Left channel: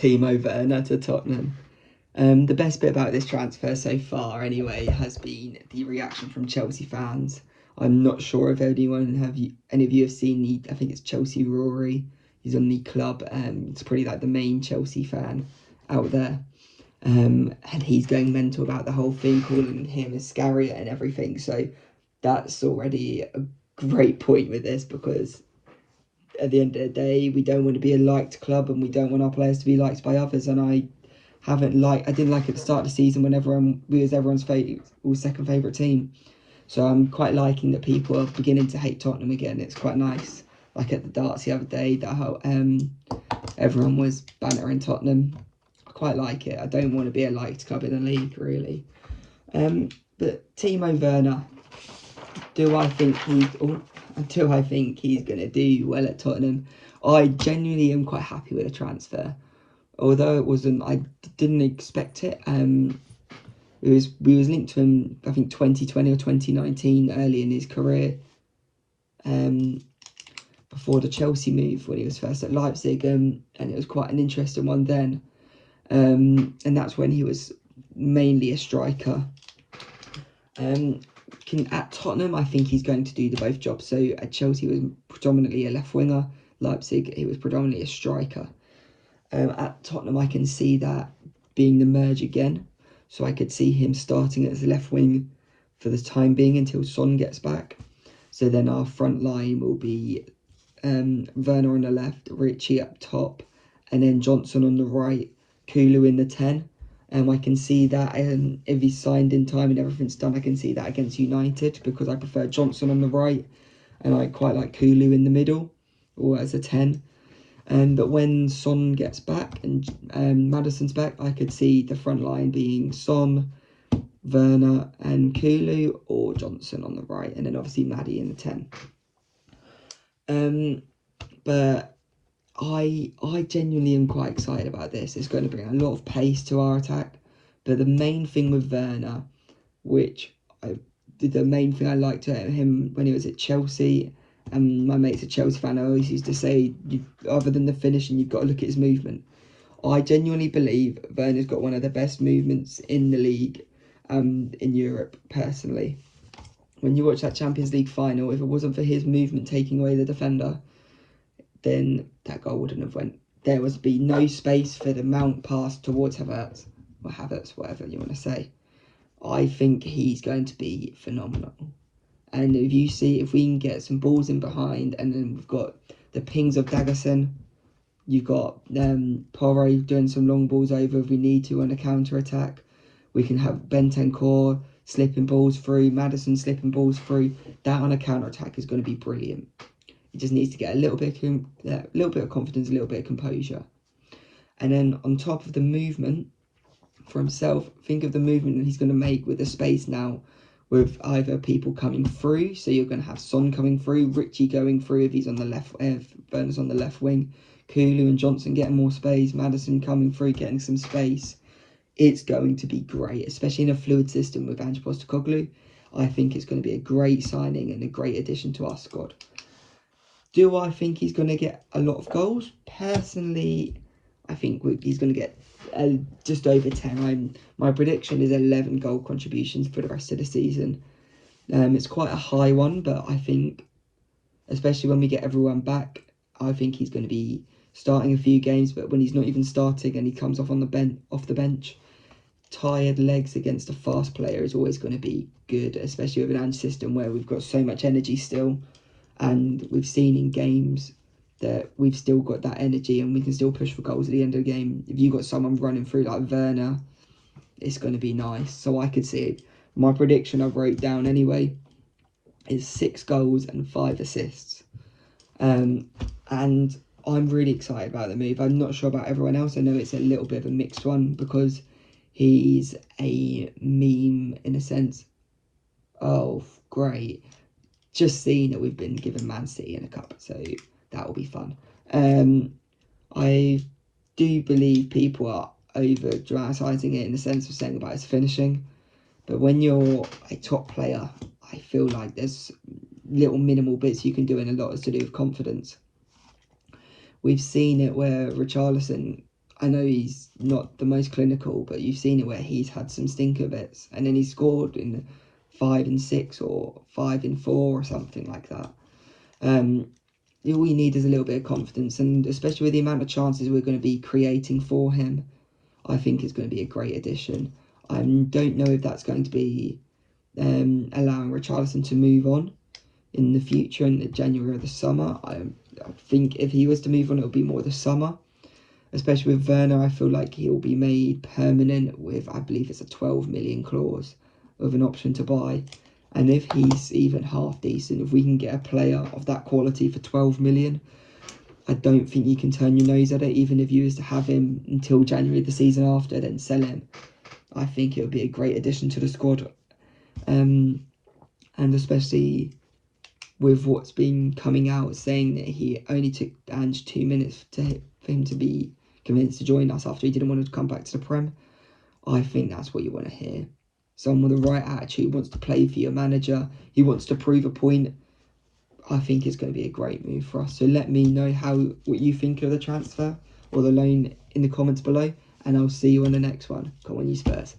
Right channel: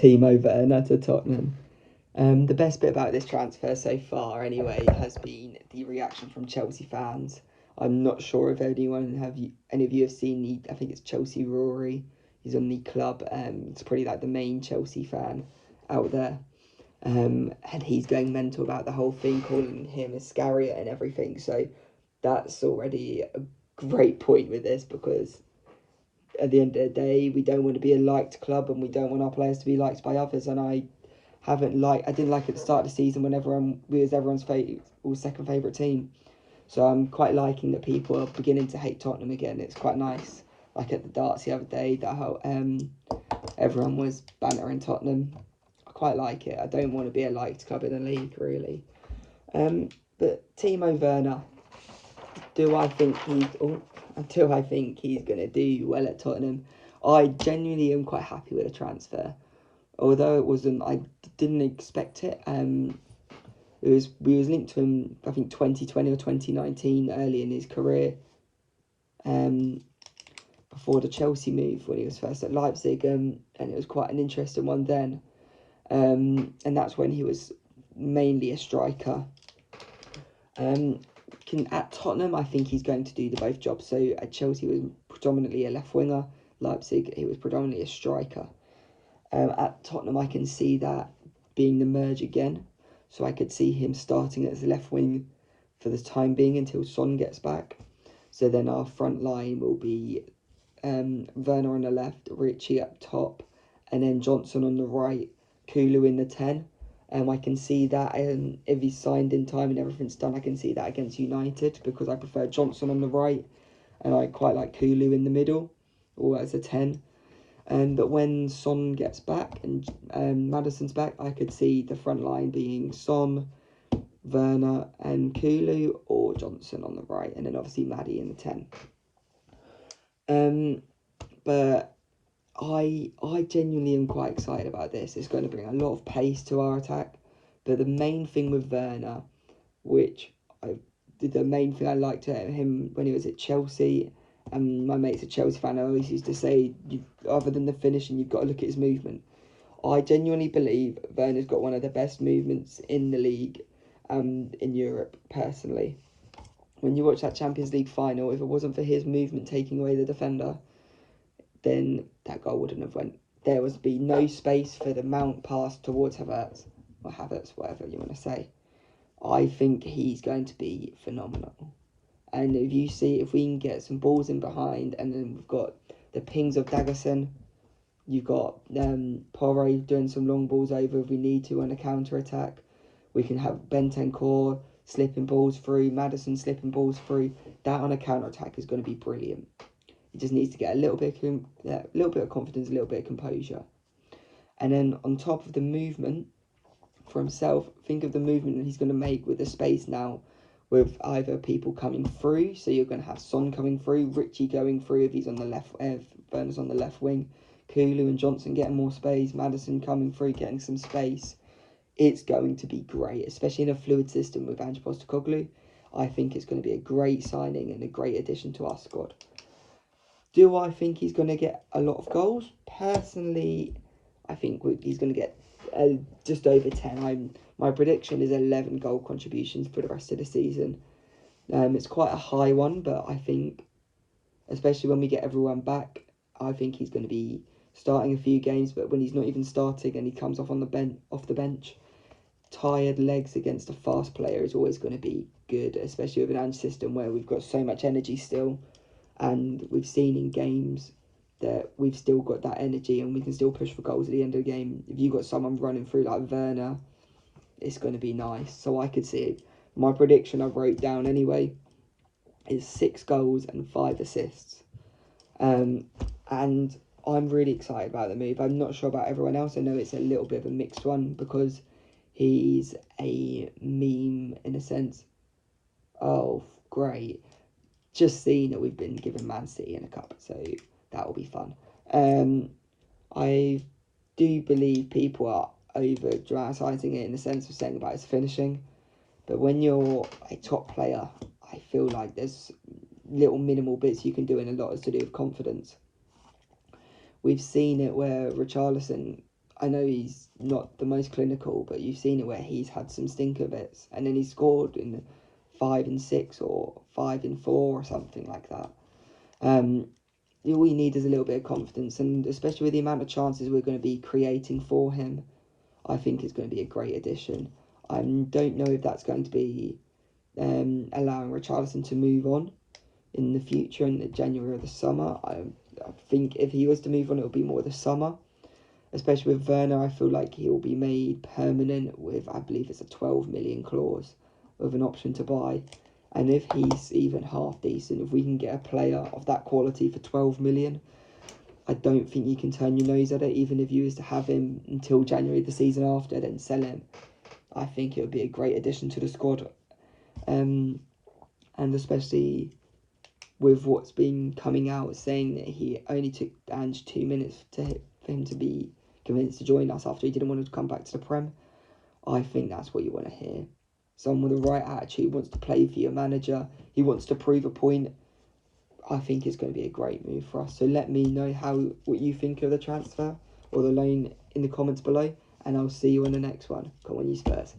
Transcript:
Timo Werner to Tottenham. The best bit about this transfer so far, anyway, has been the reaction from Chelsea fans. I'm not sure if any of you have seen I think it's Chelsea Rory. He's on the club. It's pretty like the main Chelsea fan out there. And he's going mental about the whole thing, calling him Iscariot and everything. So that's already a great point with this, because at the end of the day, we don't want to be a liked club, and we don't want our players to be liked by others. And I didn't like at the start of the season when we was everyone's second favourite team. So I'm quite liking that people are beginning to hate Tottenham again. It's quite nice. Like at the darts the other day, that how everyone was bantering Tottenham. I quite like it. I don't want to be a liked club in the league, really. But Timo Werner, do I think he's going to do well at Tottenham? I genuinely am quite happy with the transfer. Although I didn't expect it. We was linked to him, I think 2020 or 2019, early in his career. Before the Chelsea move, when he was first at Leipzig, and it was quite an interesting one then. And that's when he was mainly a striker. At Tottenham, I think he's going to do the both jobs. So at Chelsea, he was predominantly a left winger. Leipzig, he was predominantly a striker. At Tottenham, I can see that being the merge again. So I could see him starting as left wing for the time being until Son gets back. So then our front line will be Werner on the left, Richie up top, and then Johnson on the right, Kulu in the 10. I can see that if he's signed in time and everything's done, I can see that against United, because I prefer Johnson on the right and I quite like Kulu in the middle or as a 10. But when Son gets back and Maddison's back, I could see the front line being Son, Werner and Kulu, or Johnson on the right, and then obviously Maddie in the 10. But I genuinely am quite excited about this. It's going to bring a lot of pace to our attack. But the main thing with Werner, the main thing I liked about him when he was at Chelsea, and my mate's a Chelsea fan, I always used to say, other than the finishing, you've got to look at his movement. I genuinely believe Werner's got one of the best movements in the league, in Europe, personally. When you watch that Champions League final, if it wasn't for his movement taking away the defender, then that goal wouldn't have went. There would be no space for the mount pass towards Havertz, or Havertz, whatever you want to say. I think he's going to be phenomenal. And if we can get some balls in behind, and then we've got the pings of Daggerson, you've got Porro doing some long balls over if we need to on a counter-attack. We can have Bentancur slipping balls through, Maddison slipping balls through. That on a counter-attack is going to be brilliant. He just needs to get a little bit of confidence, a little bit of composure. And then on top of the movement for himself, think of the movement that he's going to make with the space now, with either people coming through. So you're going to have Son coming through, Richie going through if he's on the left, if Werner's on the left wing, Kulu and Johnson getting more space, Maddison coming through, getting some space. It's going to be great, especially in a fluid system with Ange Postecoglou. I think it's going to be a great signing and a great addition to our squad. Do I think he's going to get a lot of goals? Personally, I think he's going to get just over 10. My prediction is 11 goal contributions for the rest of the season. It's quite a high one, but I think, especially when we get everyone back, I think he's going to be starting a few games. But when he's not even starting and he comes off the bench, tired legs against a fast player is always going to be good, especially with an Ange system where we've got so much energy still. And we've seen in games that we've still got that energy and we can still push for goals at the end of the game. If you've got someone running through like Werner, it's going to be nice. So I could see it. My prediction I wrote down anyway is 6 goals and 5 assists. And I'm really excited about the move. I'm not sure about everyone else. I know it's a little bit of a mixed one because he's a meme in a sense. Oh, great. Just seeing that we've been given Man City in a cup, so that will be fun. I do believe people are over dramatising it in the sense of saying about his finishing, but when you're a top player, I feel like there's little minimal bits you can do, and a lot is to do with confidence. We've seen it where Richarlison, I know he's not the most clinical, but you've seen it where he's had some stinker bits, and then he's scored in 5-6 or 5-4 or something like that. All we need is a little bit of confidence, and especially with the amount of chances we're going to be creating for him, I think it's going to be a great addition. I don't know if that's going to be allowing Richarlison to move on in the future in the January or the summer. I think if he was to move on, it would be more the summer. Especially with Werner, I feel like he'll be made permanent with, I believe it's a 12 million clause with an option to buy. And if he's even half decent, if we can get a player of that quality for 12 million, I don't think you can turn your nose at it, even if you was to have him until January the season after, then sell him. I think it would be a great addition to the squad. And especially with what's been coming out saying that he only took Ange 2 minutes for him to be convinced to join us after he didn't want to come back to the Prem. I think that's what you want to hear. Someone with the right attitude, wants to play for your manager, he wants to prove a point. I think it's going to be a great move for us. So let me know what you think of the transfer or the loan in the comments below, and I'll see you on the next one. Come on, you Spurs.